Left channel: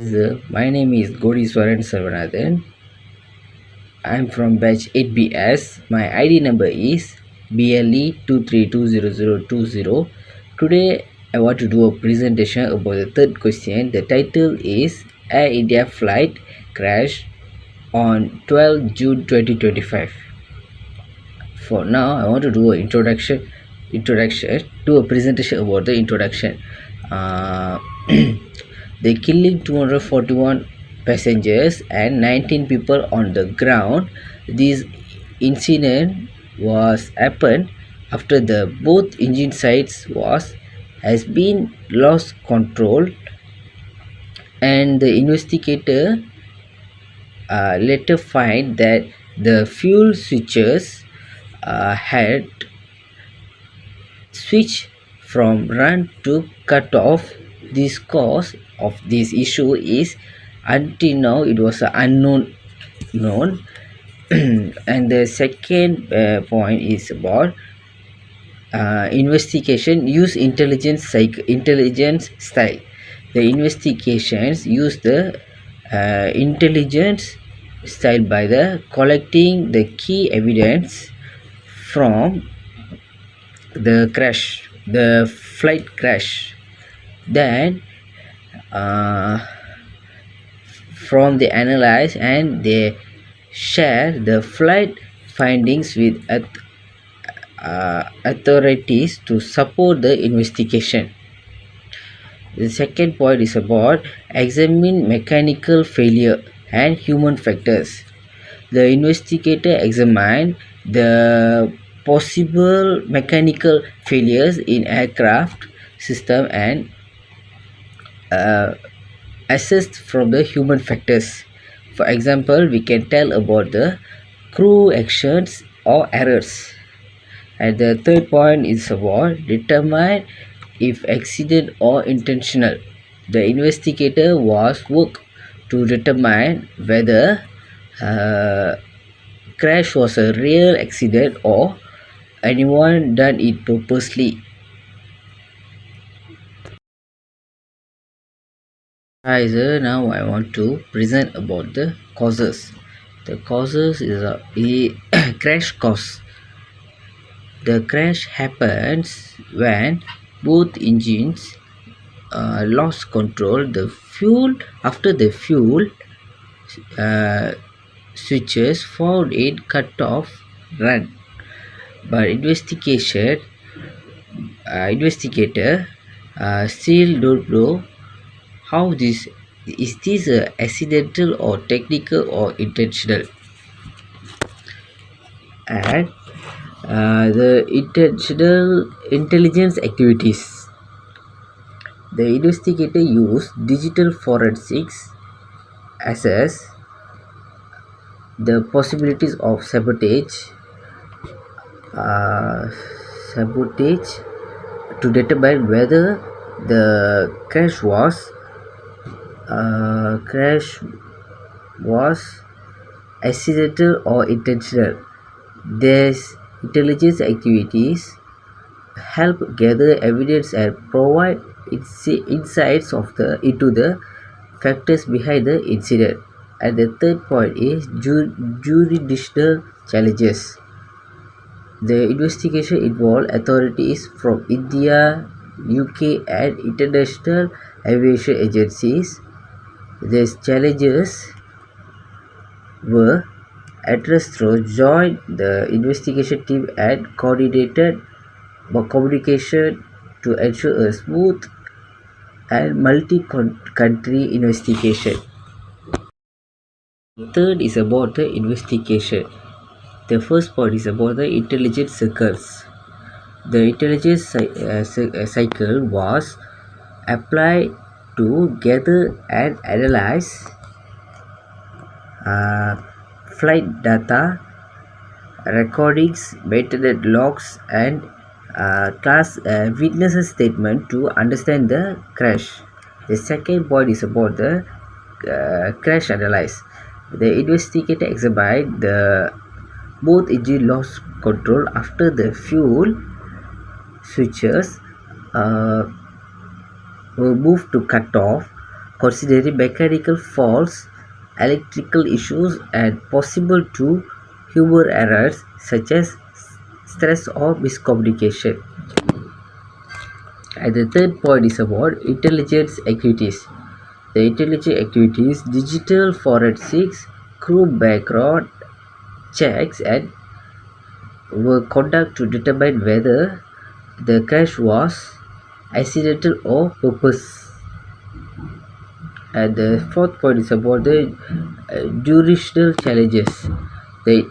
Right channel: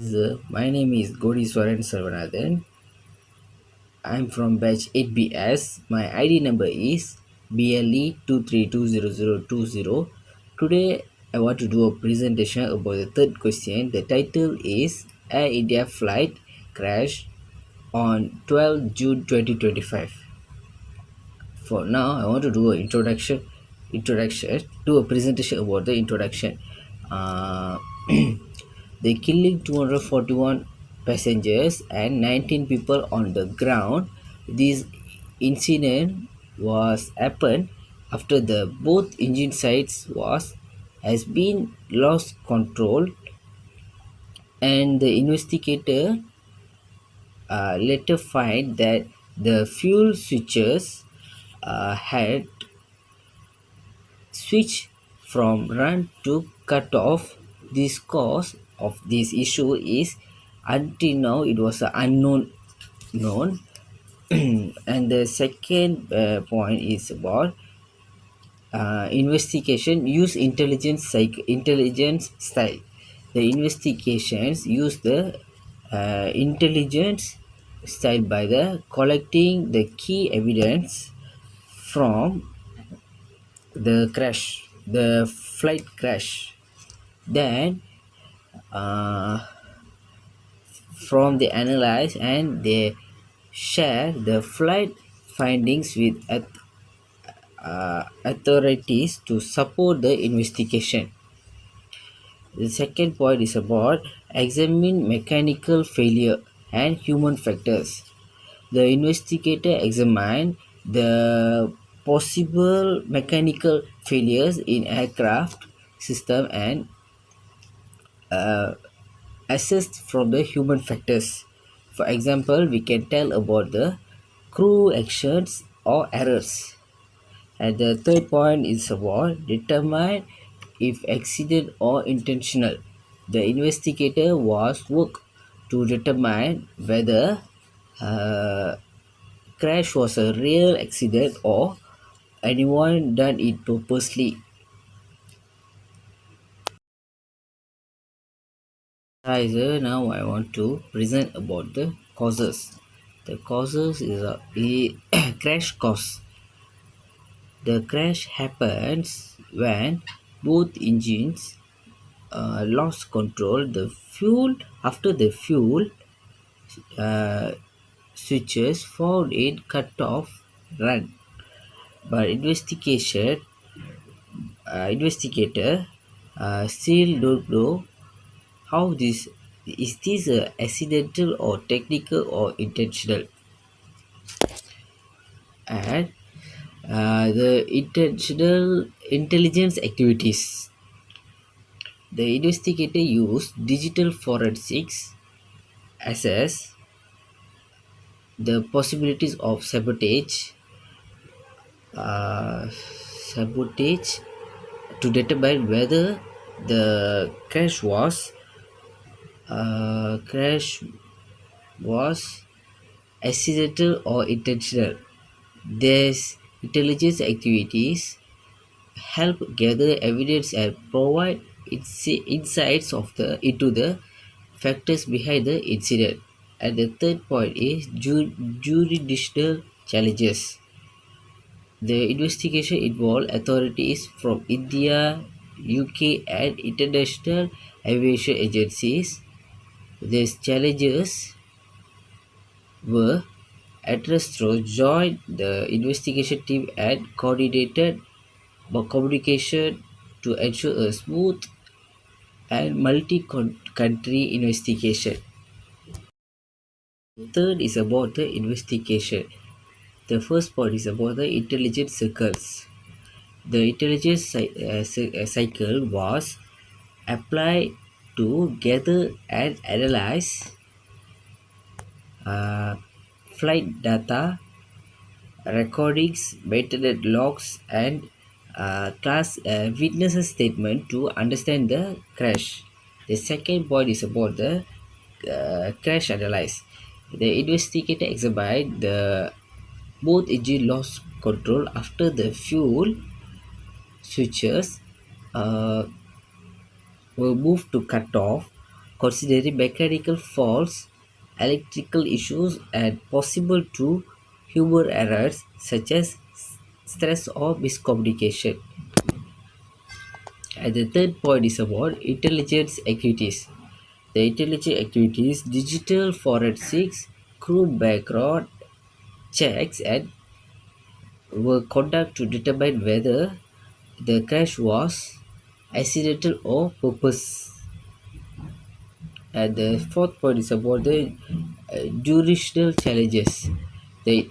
My name is Godiswaran Sarvanathan. I'm from batch 8BS. My ID number is BLE2320020. Today I want to do a presentation about the third question. The title is Air India flight crash on 12 June 2025. For now, I want to do an do a presentation about the introduction. Uh, they killing 241 passengers and 19 people on the ground. This incident was happened after the both engine sides was has been lost control, and the investigator later find that the fuel switches had switch from run to cut off. This cause of this issue is until now it was unknown known. And the second point is about investigation use intelligence style. The investigations use the intelligence style by the collecting the key evidence from the flight crash. Then uh, from the analyze and they share the flight findings with authorities to support the investigation. The second point is about examine mechanical failure and human factors. The investigator examined the possible mechanical failures in aircraft system and uh, assessed from the human factors. For example, we can tell about the crew actions or errors. And the third point is about determine if accident or intentional. The investigator was work to determine whether uh, crash was a real accident or anyone done it purposely. Hi sir, now I want to present about the causes. The causes is a crash cause. The crash happens when both engines lost control. The fuel after the fuel uh, switches found it cut off run. But investigator still don't know how this is this accidental or technical or intentional. And the intentional intelligence activities. The investigator used digital forensics assess the possibilities of uh, sabotage to determine whether the crash was accidental or intentional. These intelligence activities help gather evidence and provide insights into the factors behind the incident. And the third point is jurisdictional challenges. The investigation involved authorities from India, UK, and international aviation agencies. These challenges were addressed through joint the investigation team and coordinated communication to ensure a smooth and multi-country investigation. Third is about the investigation. The first point is about the intelligence circles. The intelligence cycle was applied to gather and analyze uh, flight data, recordings, maintenance logs, and class witnesses statement to understand the crash. The second point is about the crash analyze. The investigator examined the both engine lost control after the fuel switches uh, were moved to cut off. considering mechanical faults, electrical issues, and possible to human errors such as stress or miscommunication. And the third point is about intelligence activities. The intelligence activities, digital forensics, crew background checks, and were conducted to determine whether the crash was accidental or purpose. And the fourth point is about the jurisdictional challenges. The,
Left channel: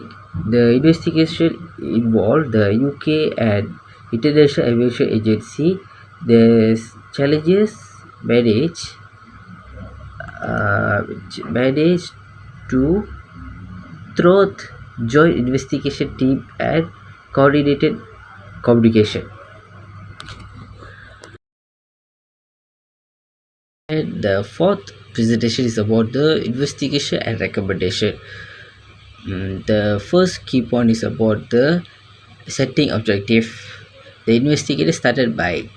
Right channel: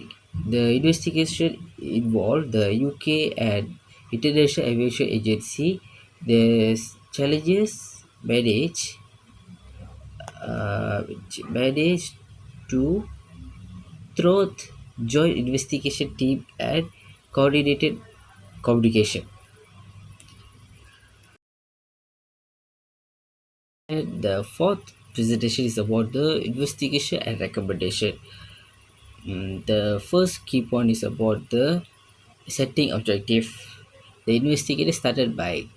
the investigation involved the UK and International Aviation Agency. The challenges manage managed to through joint investigation team and coordinated communication. And the fourth presentation is about the investigation and recommendation. The first key point is about the setting objective. The investigator started by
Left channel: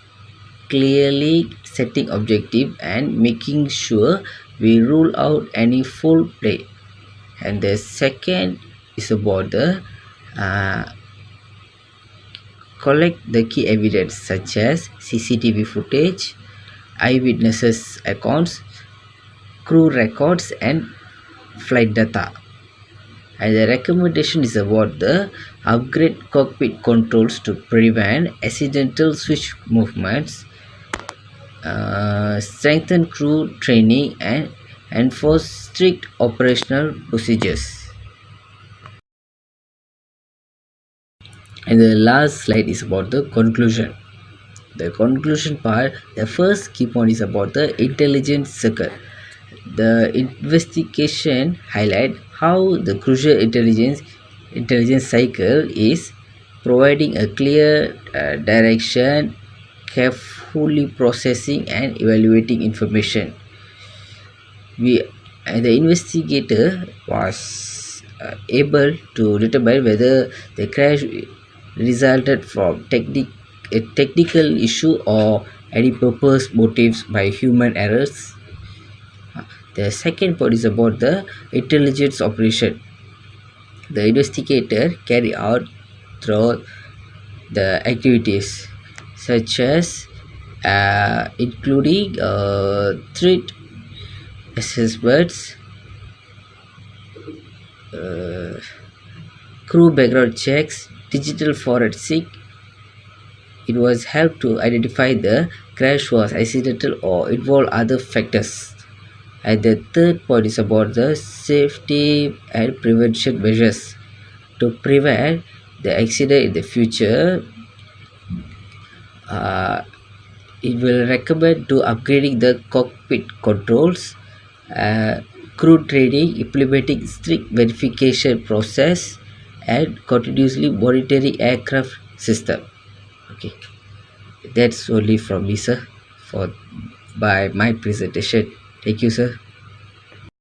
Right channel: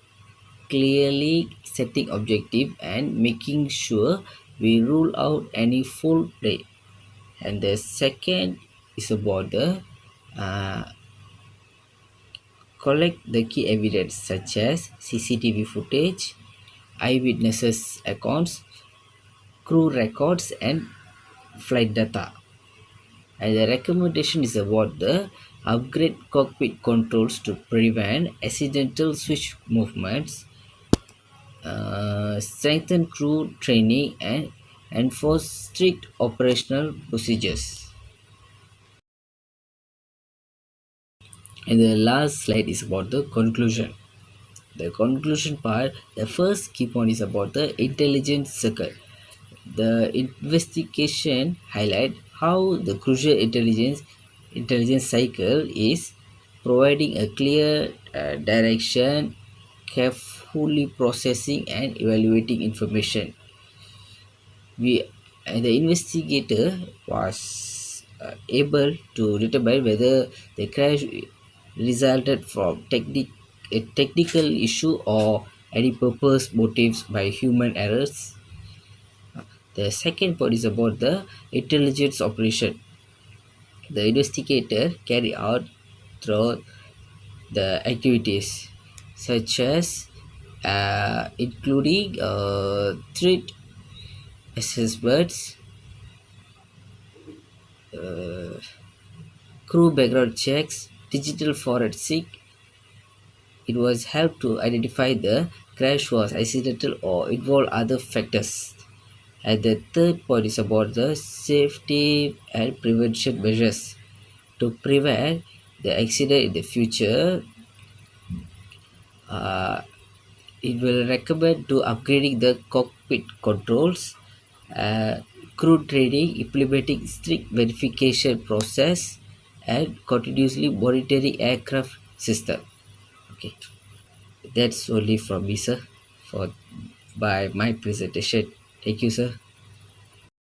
clearly setting objective and making sure we rule out any foul play. And the second is about the uh, collect the key evidence such as CCTV footage, eyewitnesses accounts, crew records, and flight data. And the recommendation is about the upgrade cockpit controls to prevent accidental switch movements, strengthen crew training, and enforce strict operational procedures. And the last slide is about the conclusion. The conclusion part, the first key point is about the intelligence circle. The investigation highlight how the crucial intelligence cycle is providing a clear direction, carefully processing and evaluating information. We The investigator was able to determine whether the crash resulted from a technical issue or any purpose motives by human errors. The second point is about the intelligence operation. The investigator carry out through the activities such as including threat assessments, crew background checks, digital forensic. It was helped to identify the crash was accidental or involved other factors. And the third point is about the safety and prevention measures. To prevent the accident in the future, uh, it will recommend to upgrading the cockpit controls, uh, crew training, implementing strict verification process, and continuously monitoring aircraft system. Okay, that's only from me, sir, for by my presentation. Thank you, sir.